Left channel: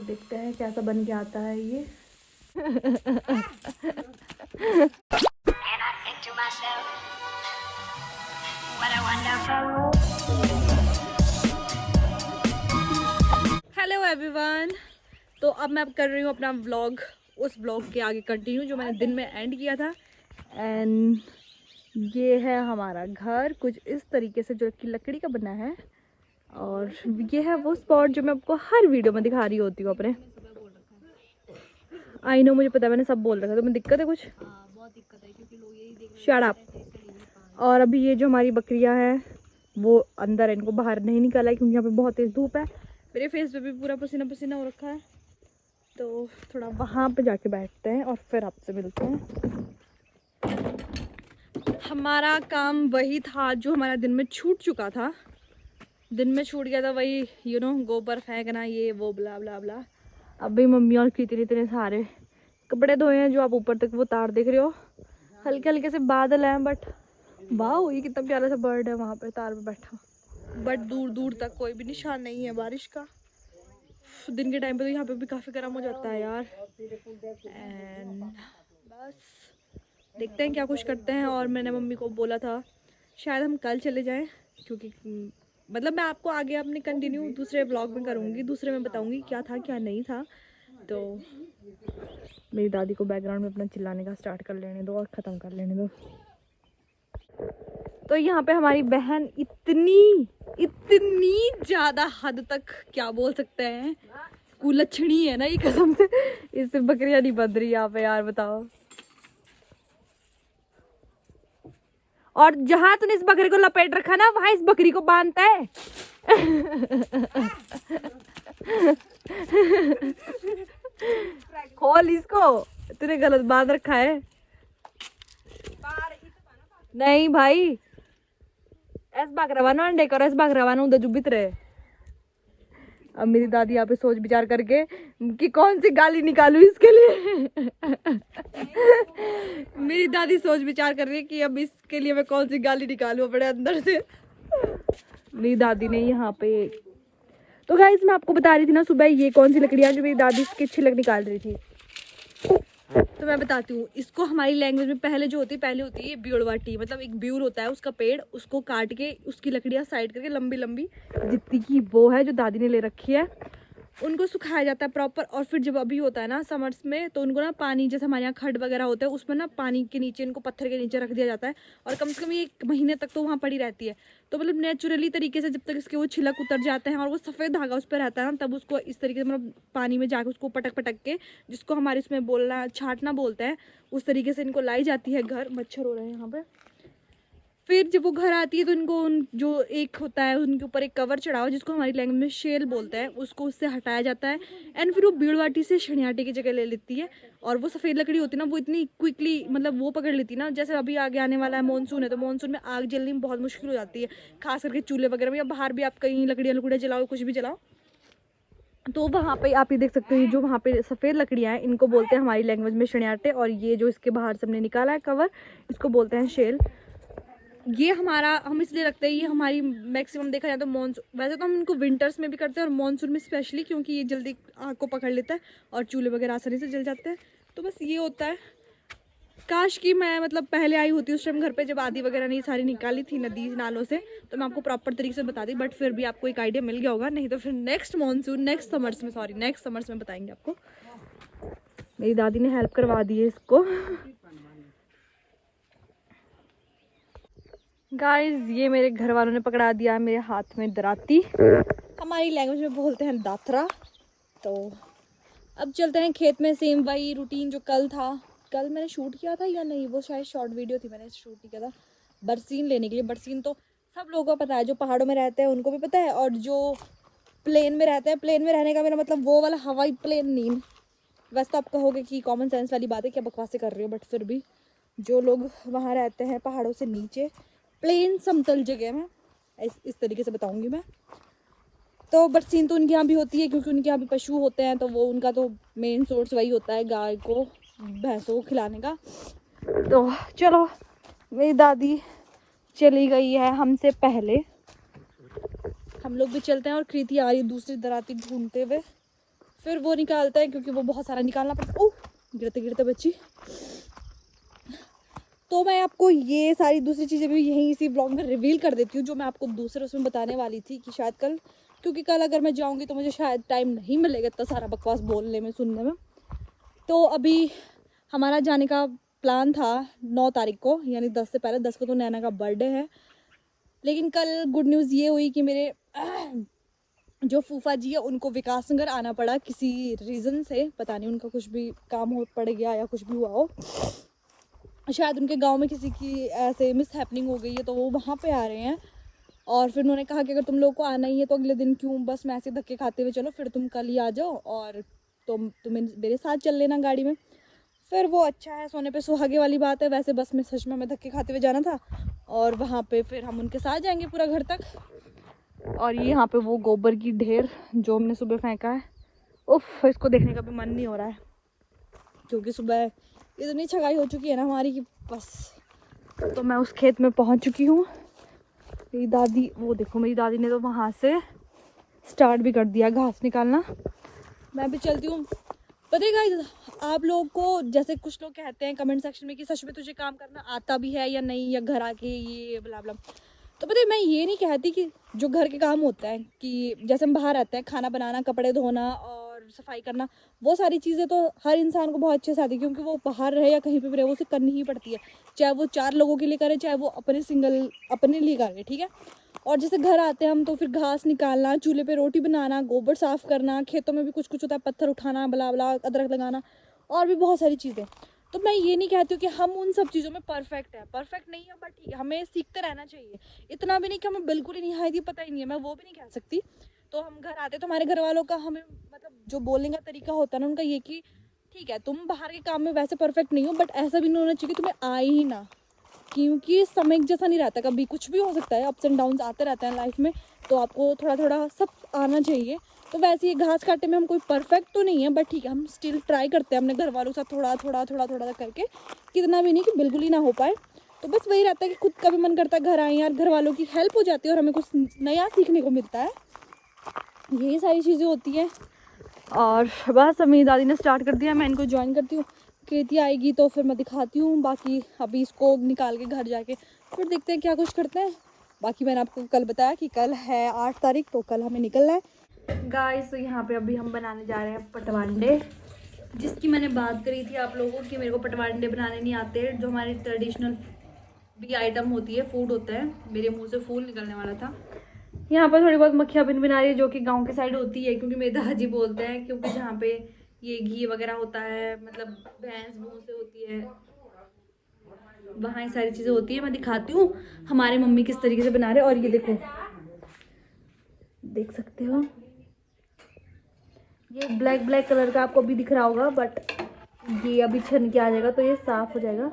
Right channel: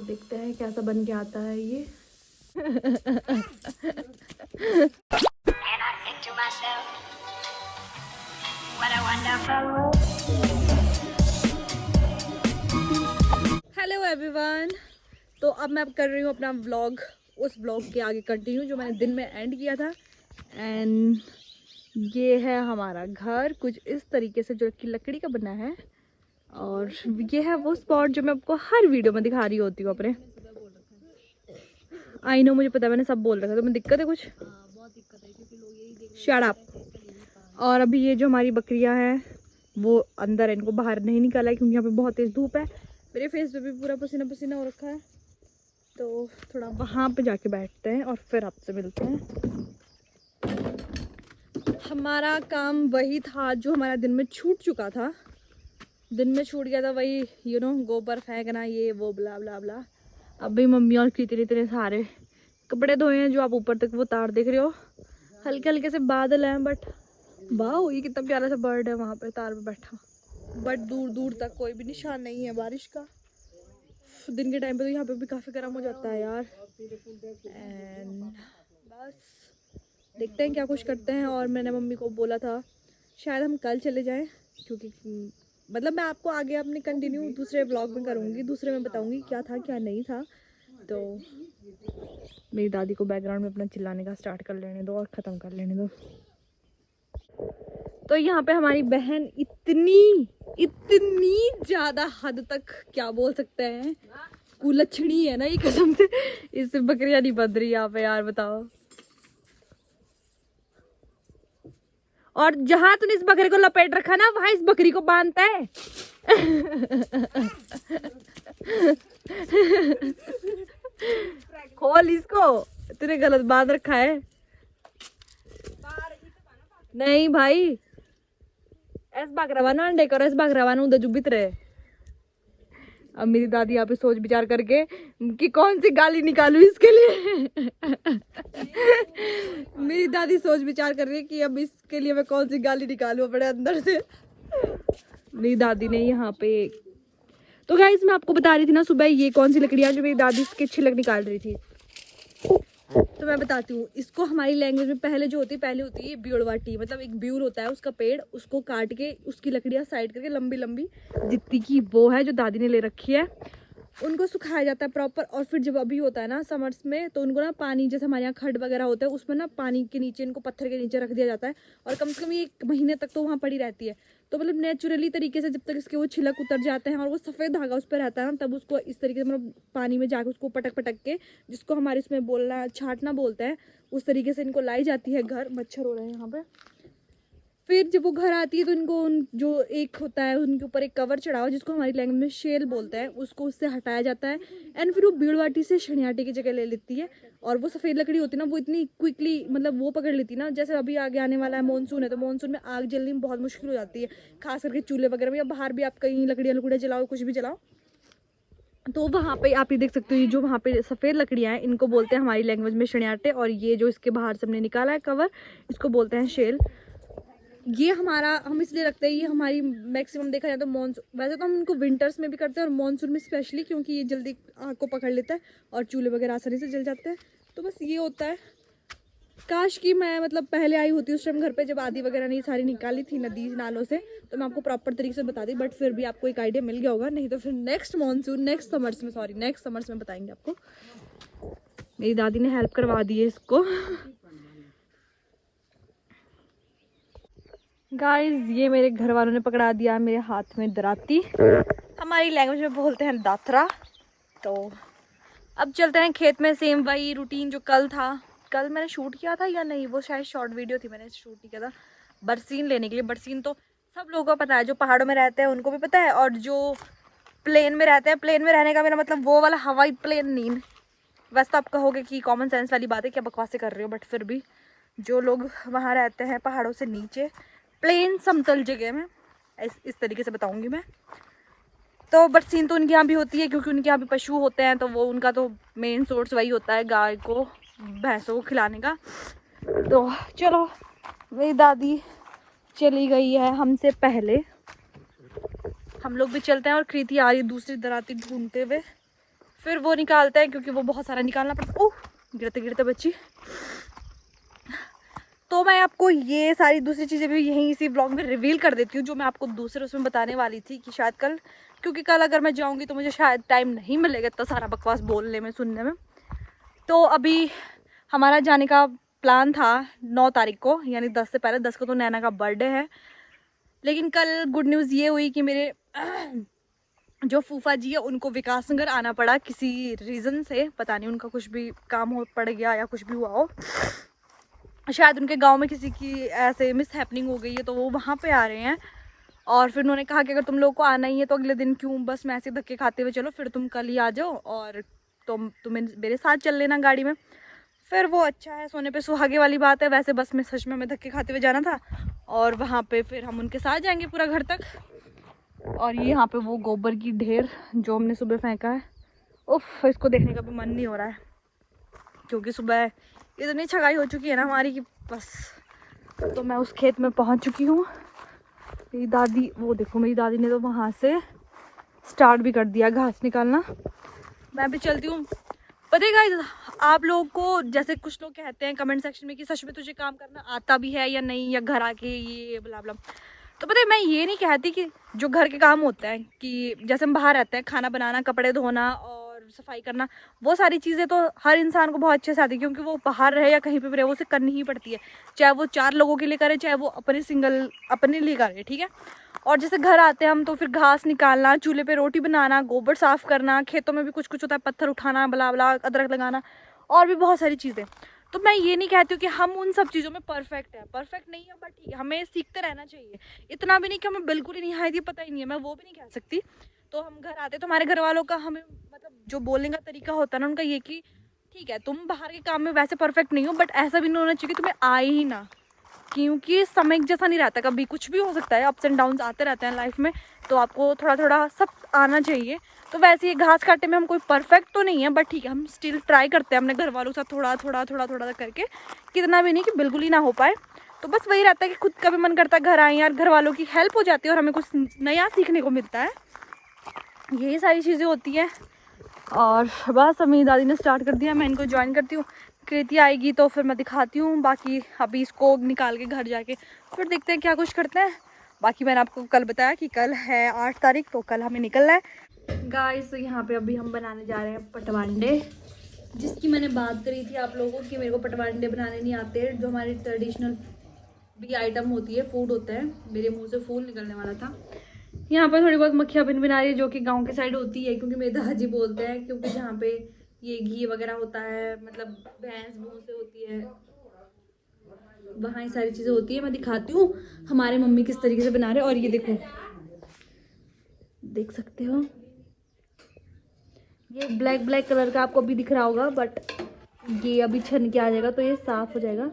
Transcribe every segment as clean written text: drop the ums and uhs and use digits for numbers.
देखते हैं कैसा बन के आता है ये। हेलो एवरीवन, तो अब मैं कर रही हूँ अपना व्लॉग, उस व्लॉग के आगे कंटिन्यू जो मैंने दिन में एंड किया था। एंड ये है हमारा घर, कुछ इस तरीके से जो कि लकड़ी का बना है। और ये है वो स्पॉट जो मैं आपको हर वीडियो में दिखा रही होती हूँ अपने। आई नो, मुझे पता है मैंने सब बोल रखा था, तुम्हें दिक्कत है कुछ? बहुत दिक्कत है क्योंकि लोग यही देख शट अप। और अभी ये जो हमारी बकरियां हैं वो अंदर है, इनको बाहर नहीं निकाला है क्योंकि यहाँ पे बहुत तेज धूप है। मेरे फेस पे भी पूरा पसीना पसीना हो रखा है, तो थोड़ा वहाँ पे जाके बैठते हैं और फिर आपसे मिलते हैं। हमारा काम वही था जो हमारा दिन में छूट चुका था। दिन में छूट गया था वही, गोबर फेंकना, ये वो ब्ला ब्ला ब्ला। अभी मम्मी और कितने इतने सारे कपड़े धोए हैं, जो आप ऊपर तक वो तार देख रहे हो। हल्के हल्के से बादल हैं, बट वाह ये कितना प्यारा सा बर्ड है वहाँ पे तार पे बैठा। बट दूर दूर तक कोई भी निशान नहीं है बारिश का। दिन के टाइम पे तो यहाँ पे भी काफ़ी गर्म हो जाता है यार। एंड बस देखते हैं क्या कुछ करते हैं। और मैंने मम्मी को बोला था शायद हम कल चले जाएं, क्योंकि मतलब मैं आपको आगे अपने कंटिन्यू दूसरे ब्लॉग में करूँगी, दूसरे में बताऊँगी क्या था क्या नहीं था। तो मेरी दादी को बैकग्राउंड में अपना चिल्लाने का स्टार्ट कर लेने दो और ख़त्म कर लेने दो। तो यहाँ पे हमारी बहन इतनी ज़्यादा हद तक क्या बोल सकते हैं कुलच्छनी है ना ये, कसम से इससे बकरियां नहीं बंध रही यहाँ पे यार, बताओ। और जहां तूने इस बकरी को लपेट रखा ना वहां इस बकरी को बांधता है। खोल इसको, तूने गलत बांध रखा है। नहीं भाई, ऐस भाग रवाना अंडे करो, ऐस भाग रवाना उधर जुबित रहे। अब मेरी दादी यहाँ पे सोच विचार करके कि कौन सी गाली निकालूं इसके लिए। मेरी दादी सोच विचार कर रही है कि अब इसके लिए मैं कौन सी गाली निकालूं अपने अंदर से। मेरी दादी ने यहाँ पे, तो गाइस मैं आपको बता रही थी ना सुबह ये कौन सी लकड़ियाँ जो मेरी दादी इसके छिलक निकाल रही थी। तो मैं बताती हूँ इसको, हमारी लैंग्वेज में पहले होती है ब्यूड़वाटी, मतलब एक ब्यूर होता है उसका पेड़, उसको काट के उसकी लकड़ियाँ साइड करके लंबी लंबी जितनी की वो है जो दादी ने ले रखी है, उनको सुखाया जाता है प्रॉपर। और फिर जब अभी होता है ना समर्स में, तो उनको ना पानी, जैसे हमारे यहाँ खड्ड वगैरह होता है उसमें ना पानी के नीचे, इनको पत्थर के नीचे रख दिया जाता है और कम से कम ये 1 महीने तक तो वहाँ पड़ी रहती है। तो मतलब नेचुरली तरीके से जब तक इसके वो छिलक उतर जाते हैं और वो सफ़ेद धागा उस पर रहता है ना, तब उसको इस तरीके से मतलब पानी में जाकर उसको पटक पटक के, जिसको हमारे इसमें बोलना छाटना बोलते हैं, उस तरीके से इनको लाई जाती है घर। मच्छर हो रहे हैं यहाँ पे। फिर जब वो घर आती है तो इनको जो एक होता है उनके ऊपर एक कवर चढ़ाओ, जिसको हमारी लैंग्वेज में शेल बोलते हैं, उसको उससे हटाया जाता है। एंड फिर वो बीड़वाटी से शनियाटी की जगह ले लेती है। और वो सफ़ेद लकड़ी होती है ना, वो इतनी क्विकली मतलब वो पकड़ लेती है ना, जैसे अभी आगे आने वाला है मानसून है, तो मानसून में आग जलनी में बहुत मुश्किल हो जाती है, खास करके चूल्हे वगैरह में, या बाहर भी आप कहीं लकड़ियाँ जलाओ, कुछ भी जलाओ। तो वहाँ पे आप ये देख सकते हो, जो वहाँ पे सफ़ेद लकड़ियाँ हैं इनको बोलते हैं हमारी लैंग्वेज में शनियाटे, और ये जो इसके बाहर से हमने निकाला है कवर, इसको बोलते हैं शेल। ये हमारा हम इसलिए रखते हैं, ये हमारी मैक्सिमम देखा जाए तो मानसून, वैसे तो हम इनको विंटर्स में भी करते हैं और मानसून में स्पेशली, क्योंकि ये जल्दी आग को पकड़ लेता है और चूल्हे वगैरह आसानी से जल जाते हैं। तो बस ये होता है। काश कि मैं मतलब पहले आई होती उस टाइम घर पे, जब आदि वगैरह नहीं सारी निकाली थी नदी नालों से, तो मैं आपको प्रॉपर तरीके से बता दी। बट फिर भी आपको एक आइडिया मिल गया होगा, नहीं तो फिर नेक्स्ट समर्स में बताएंगे आपको। मेरी दादी ने हेल्प करवा दी है इसको। गाइस ये मेरे घर वालों ने पकड़ा दिया है मेरे हाथ में दराती, हमारी लैंग्वेज में बोलते हैं दात्रा। तो अब चलते हैं खेत में, सेम वही रूटीन जो कल था। कल मैंने शूट किया था या नहीं, वो शायद शॉर्ट वीडियो थी, मैंने शूट नहीं किया था। बरसीन लेने के लिए, बरसीन तो सब लोगों को पता है, जो पहाड़ों में रहते हैं उनको भी पता है, और जो प्लेन में रहते हैं, प्लेन में रहने का मेरा मतलब वो वाला हवाई प्लेन नहीं। वैसे तो आप कहोगे कि कॉमन सेंस वाली बात है, क्या बकवासें कर रहे हो, बट फिर भी जो लोग वहाँ रहते हैं पहाड़ों से नीचे, प्लेन समतल जगह में, इस तरीके से बताऊंगी मैं। तो बरसीन तो उनके यहाँ भी होती है, क्योंकि उनके यहाँ भी पशु होते हैं, तो वो उनका तो मेन सोर्स वही होता है, गाय को भैंसों को खिलाने का। तो चलो, मेरी दादी चली गई है हमसे पहले, हम लोग भी चलते हैं। और कृति आ रही है दूसरी दराती ढूंढते हुए, फिर वो निकालते हैं क्योंकि वो बहुत सारा निकालना पड़ता है। ओह, गिरते गिरते बच्ची। तो मैं आपको ये सारी दूसरी चीज़ें भी यहीं इसी ब्लॉग में रिवील कर देती हूँ जो मैं आपको दूसरे उसमें बताने वाली थी कि शायद कल, क्योंकि कल अगर मैं जाऊँगी तो मुझे शायद टाइम नहीं मिलेगा इतना सारा बकवास बोलने में, सुनने में। तो अभी हमारा जाने का प्लान था 9 तारीख को, यानी 10 से पहले। 10 को तो नैना का बर्थडे है। लेकिन कल गुड न्यूज़ ये हुई कि मेरे जो फूफा जी है उनको विकास नगर आना पड़ा किसी रीज़न से। पता नहीं उनका कुछ भी काम हो पड़ गया या कुछ भी हुआ हो, शायद उनके गांव में किसी की ऐसे मिस हैपनिंग हो गई है, तो वो वहाँ पे आ रहे हैं। और फिर उन्होंने कहा कि अगर तुम लोगों को आना ही है तो अगले दिन क्यों बस में ऐसे धक्के खाते हुए चलो, फिर तुम कल ही आ जाओ और तुम्हें मेरे साथ चल लेना गाड़ी में। फिर वो अच्छा है, सोने पे सुहागे वाली बात है। वैसे बस में सच में हमें धक्के खाते हुए जाना था और वहाँ पे फिर हम उनके साथ जाएंगे पूरा घर तक। और ये यहाँ पे वो गोबर की ढेर जो हमने सुबह फेंका है, उफ, इसको देखने का भी मन नहीं हो रहा है क्योंकि सुबह इतनी छगाई हो चुकी है ना हमारी कि बस। तो मैं उस खेत में पहुँच चुकी हूँ। मेरी दादी, वो देखो मेरी दादी ने तो वहाँ से स्टार्ट भी कर दिया घास निकालना। मैं भी चलती हूँ। पता है गाइस, आप लोगों को जैसे कुछ लोग कहते हैं कमेंट सेक्शन में कि सच में तुझे काम करना आता भी है या नहीं, या घर आके ये ब्ला ब्ला। तो पता है मैं ये नहीं कहती कि जो घर के काम होते हैं कि जैसे हम बाहर रहते हैं, खाना बनाना, कपड़े धोना और सफाई करना, वो सारी चीज़ें तो हर इंसान को बहुत अच्छे से आती है क्योंकि वो बाहर रहे या कहीं पे भी रहे, वो उसे करनी ही पड़ती है। चाहे वो 4 लोगों के लिए करे, चाहे वो अपने लिए करे, ठीक है। और जैसे घर आते हैं हम तो फिर घास निकालना, चूल्हे पे रोटी बनाना, गोबर साफ करना, खेतों में भी कुछ कुछ होता है, पत्थर उठाना, बला बला, अदरक लगाना और भी बहुत सारी चीज़ें। तो मैं ये नहीं कहती हूँ कि हम उन सब चीज़ों में परफेक्ट है, परफेक्ट नहीं है, बट हमें सीखते रहना चाहिए। इतना भी नहीं कि हमें बिल्कुल ही नहीं है, ये पता ही नहीं है, मैं वो भी नहीं कह सकती। तो हम घर आते तो हमारे घर वालों का हमें मतलब जो बोलने का तरीका होता है ना उनका ये कि ठीक है तुम बाहर के काम में वैसे परफेक्ट नहीं हो, बट ऐसा भी नहीं होना चाहिए कि तुम्हें आए ही ना, क्योंकि समय जैसा नहीं रहता, कभी कुछ भी हो सकता है, अप्स एंड डाउन्स आते रहते हैं लाइफ में। तो आपको थोड़ा थोड़ा सब आना चाहिए। तो वैसे ये घास काटने में हम कोई परफेक्ट तो नहीं है, बट ठीक है हम स्टिल ट्राई करते हैं अपने घर वालों के साथ थोड़ा थोड़ा थोड़ा थोड़ा करके, कितना भी नहीं कि बिल्कुल ही ना हो पाए। तो बस वही रहता है कि खुद का भी मन करता है घर आए यार, घर वालों की हेल्प हो जाती है और हमें कुछ नया सीखने को मिलता है। यही सारी चीज़ें होती हैं। और बस मेरी दादी ने स्टार्ट कर दिया, मैं इनको ज्वाइन करती हूँ। कृति आएगी तो फिर मैं दिखाती हूँ, बाकी अभी इसको निकाल के घर जाके फिर देखते हैं क्या कुछ करते हैं। बाकी मैंने आपको कल बताया कि कल है 8 तारीख, तो कल हमें निकलना है गाइस। तो यहाँ पे अभी हम बनाने जा रहे हैं पटवांडे, जिसकी मैंने बात करी थी आप लोगों की मेरे को पटवांडे बनाने नहीं आते, जो हमारी ट्रेडिशनल भी आइटम होती है, फूड होता है। मेरे मुँह से फूल निकलने वाला था। यहाँ पर थोड़ी बहुत मक्खियाँ बिन बिना रही है जो कि गांव की साइड होती है, क्योंकि मेरे दादाजी बोलते हैं क्योंकि जहाँ पे ये घी वगैरह होता है, मतलब भैंस भूं से होती है, वहाँ ये सारी चीज़ें होती है। मैं दिखाती हूँ हमारे मम्मी किस तरीके से बना रहे हैं। और ये देखो, देख सकते हो ये ब्लैक ब्लैक कलर का आपको अभी दिख रहा होगा, बट ये अभी छन के आ जाएगा तो ये साफ हो जाएगा।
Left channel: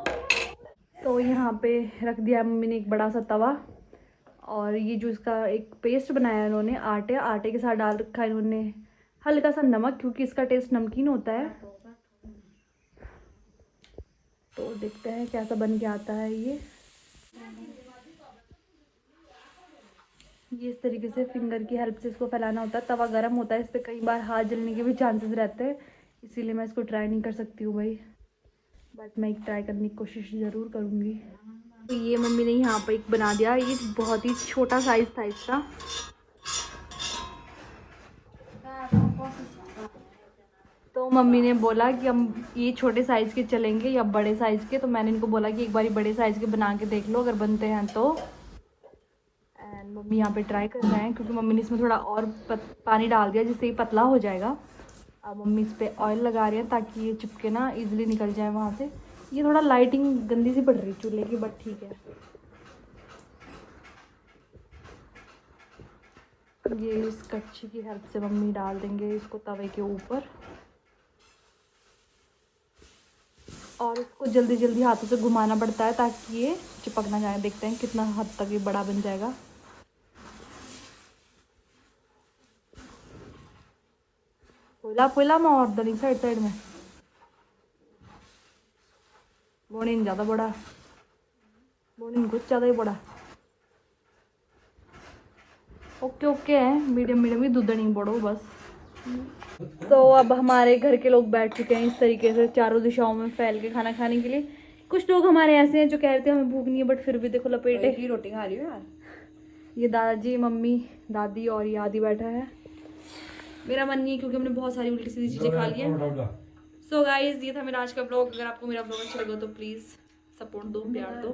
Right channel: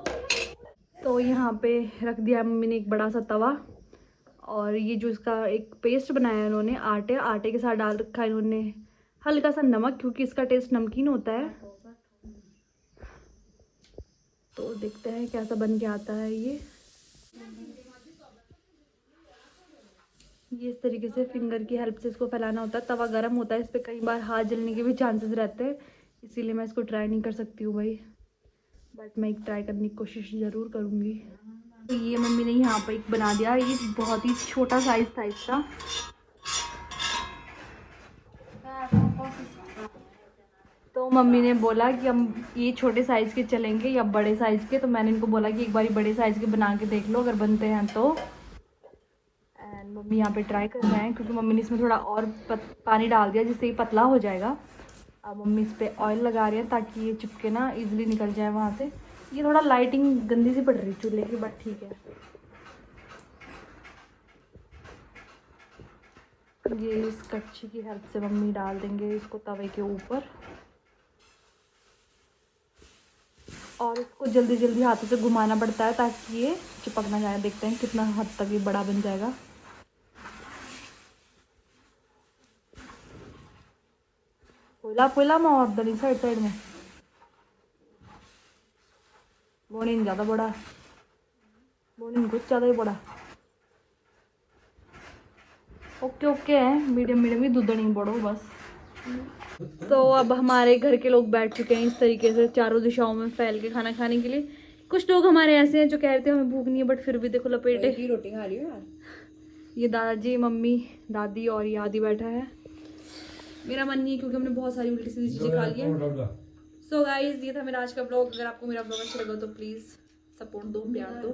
तो यहाँ पे रख दिया मम्मी ने एक बड़ा सा तवा, और ये जो इसका एक पेस्ट बनाया है इन्होंने, आटे के साथ डाल रखा है इन्होंने हल्का सा नमक, क्योंकि इसका टेस्ट नमकीन होता है। तो देखते हैं कैसा बन के आता है ये इस तरीके से फिंगर की हेल्प से इसको फैलाना होता है। तवा गर्म होता है, इस पर कई बार हाथ जलने के भी चांसेस रहते हैं, इसीलिए मैं इसको ट्राई नहीं कर सकती हूँ भाई, बट मैं ट्राई करने की कोशिश ज़रूर करूँगी। तो ये मम्मी ने यहाँ पर एक बना दिया, ये बहुत ही छोटा साइज था इसका। तो मम्मी ने बोला कि हम ये छोटे साइज़ के चलेंगे या बड़े साइज़ के, तो मैंने इनको बोला कि एक बार बड़े साइज़ के बना के देख लो अगर बनते हैं तो। एंड मम्मी यहाँ पे ट्राई कर रहे हैं, क्योंकि मम्मी ने इसमें थोड़ा और पानी डाल दिया जिससे ये पतला हो जाएगा। अब मम्मी इस पर ऑयल लगा रही है ताकि ये चिपके ना, ईजिली निकल जाए वहाँ से। ये थोड़ा लाइटिंग गंदी सी पड़ रही चूल्हे की, बट ठीक है। ये इस कच्ची की हेल्प से मम्मी डाल देंगे इसको तवे के ऊपर, और इसको जल्दी जल्दी हाथों से घुमाना पड़ता है ताकि ये चिपक ना जाए। देखते हैं कितना हद तक ये बड़ा बन जाएगा। पोला पोला में और दली साइड साइड में बोनी ज़्यादा बड़ा, बोनी कुछ ज़्यादा ही बड़ा। ओके ओके है, मीडियम मीडियम ही दूध नहीं बड़ो बस। तो अब हमारे घर के लोग बैठ चुके हैं इस तरीके से चारों दिशाओं में फैल के खाना खाने के लिए। कुछ लोग हमारे ऐसे हैं जो कह रहे थे हमें भूख नहीं है, बट फिर भी देखो लपेटे की रोटी खा रही हो यार। ये दादाजी, मम्मी, दादी और ये आदि बैठा है। मेरा मन नहीं है क्योंकि हमने बहुत सारी उल्टी सीधी चीजें खा ली है। सो गाइज ये था मेरा आज का ब्लॉग। अगर आपको मेरा ब्लॉग अच्छा लगा तो प्लीज सपोर्ट दो, प्यार दो।